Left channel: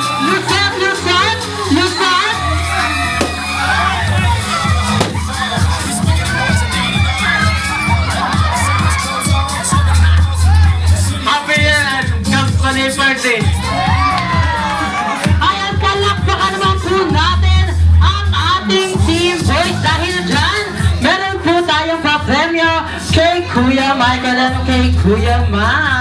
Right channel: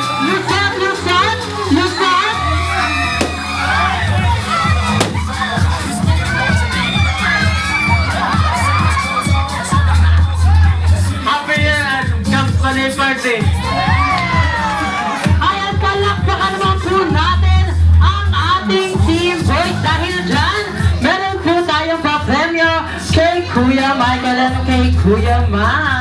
Lucette, Lucette, Lucette. Happy yan! Company party! Ayan, palakpakan naman po natin ang ating team boys dahil dyan, meron po tayong papremyo kay Kuya Michael at kay Kuya Ma.